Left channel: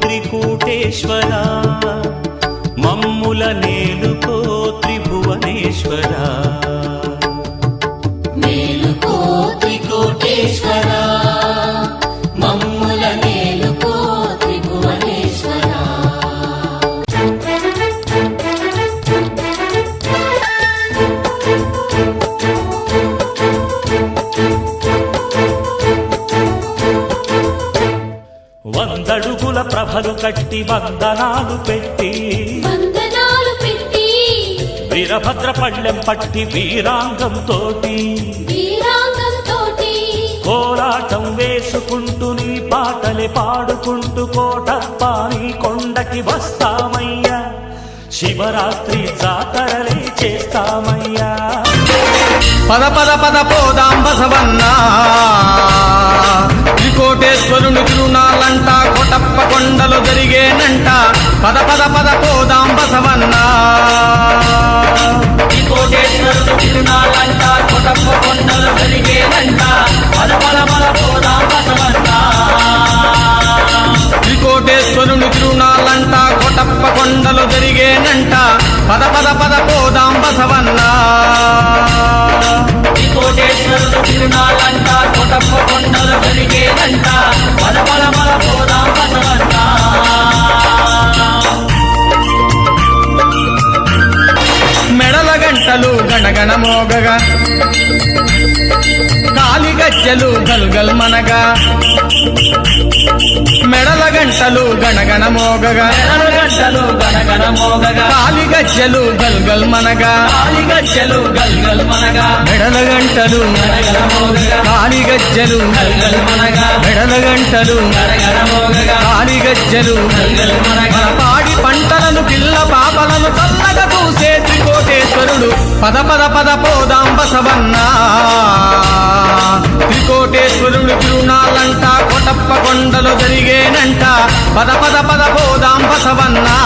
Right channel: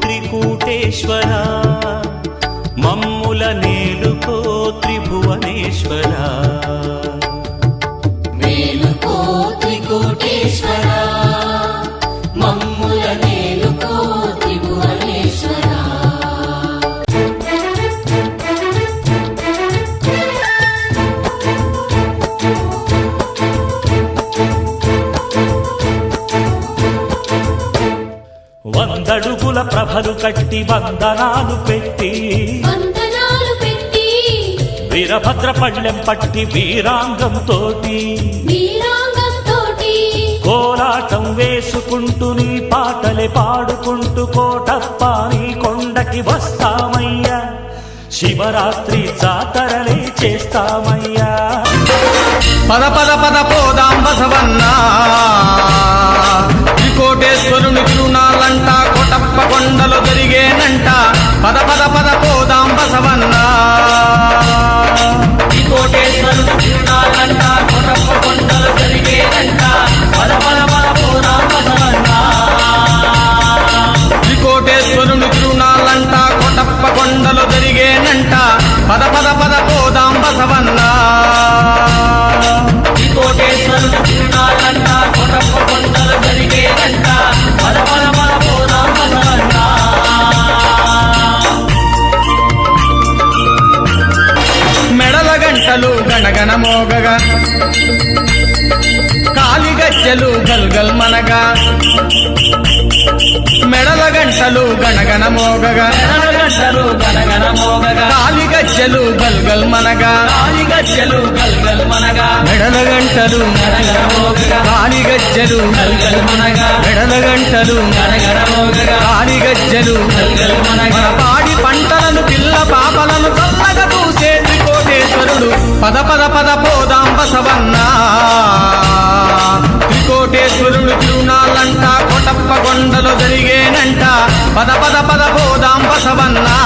త్రికూటేశ్వరా మమ్ముల నేలుకో త్రిభువనేశ్వరా. మేలుకో త్రికోటేశ్వరా వందడుగుల ప్రభలు కట్టి వందనాలు పెట్టి వీరభద్ర పళ్ళెం పట్టి వీరాంగం తోటి వీరాంగంతోటి కోలాటం వేసుకుంటూ నీ పాటలే పాడుకుంటూ కోటప్ప నీ కొండకి వస్తామయ్యా. శివరాత్రి జాతరలే చేస్తామయ్యా. పద పద పద పోదాం బసవన్న. కోటేశ్వరుని తిరునాలంట కొటప్ప కొండలు జరిగేనంట. పద పద పద పోదాం బసవన్న త్రికోటేశ్వరుని తిరునాలంట కొటప్ప కొండలు జరిగేనంట. పద పద పద పోదాం బసవన్నా గంటలు గణగణ మోగగా. కాలిగజ్జలు గల్గల్ మనగా. మెడల గంటలు గణగణ మోగగా. కాలిగజ్జలు గల్గల్ మనగా. మెడల గంటలు కాలిగజ్జలు మెడల గంటలు కాలిగజ్జలు మన పాడి పంటలను పిల్ల పాపలను చల్లగా చూసేది త్రికోటేశ్వరుడు పద పద పద పోదాం బసవన్న. త్రికోటేశ్వరుడు తిరునాళ్ళంట కొటప్ప కొండలు జరిగేనంట. పద పద పద పోదాం బసవన్నా.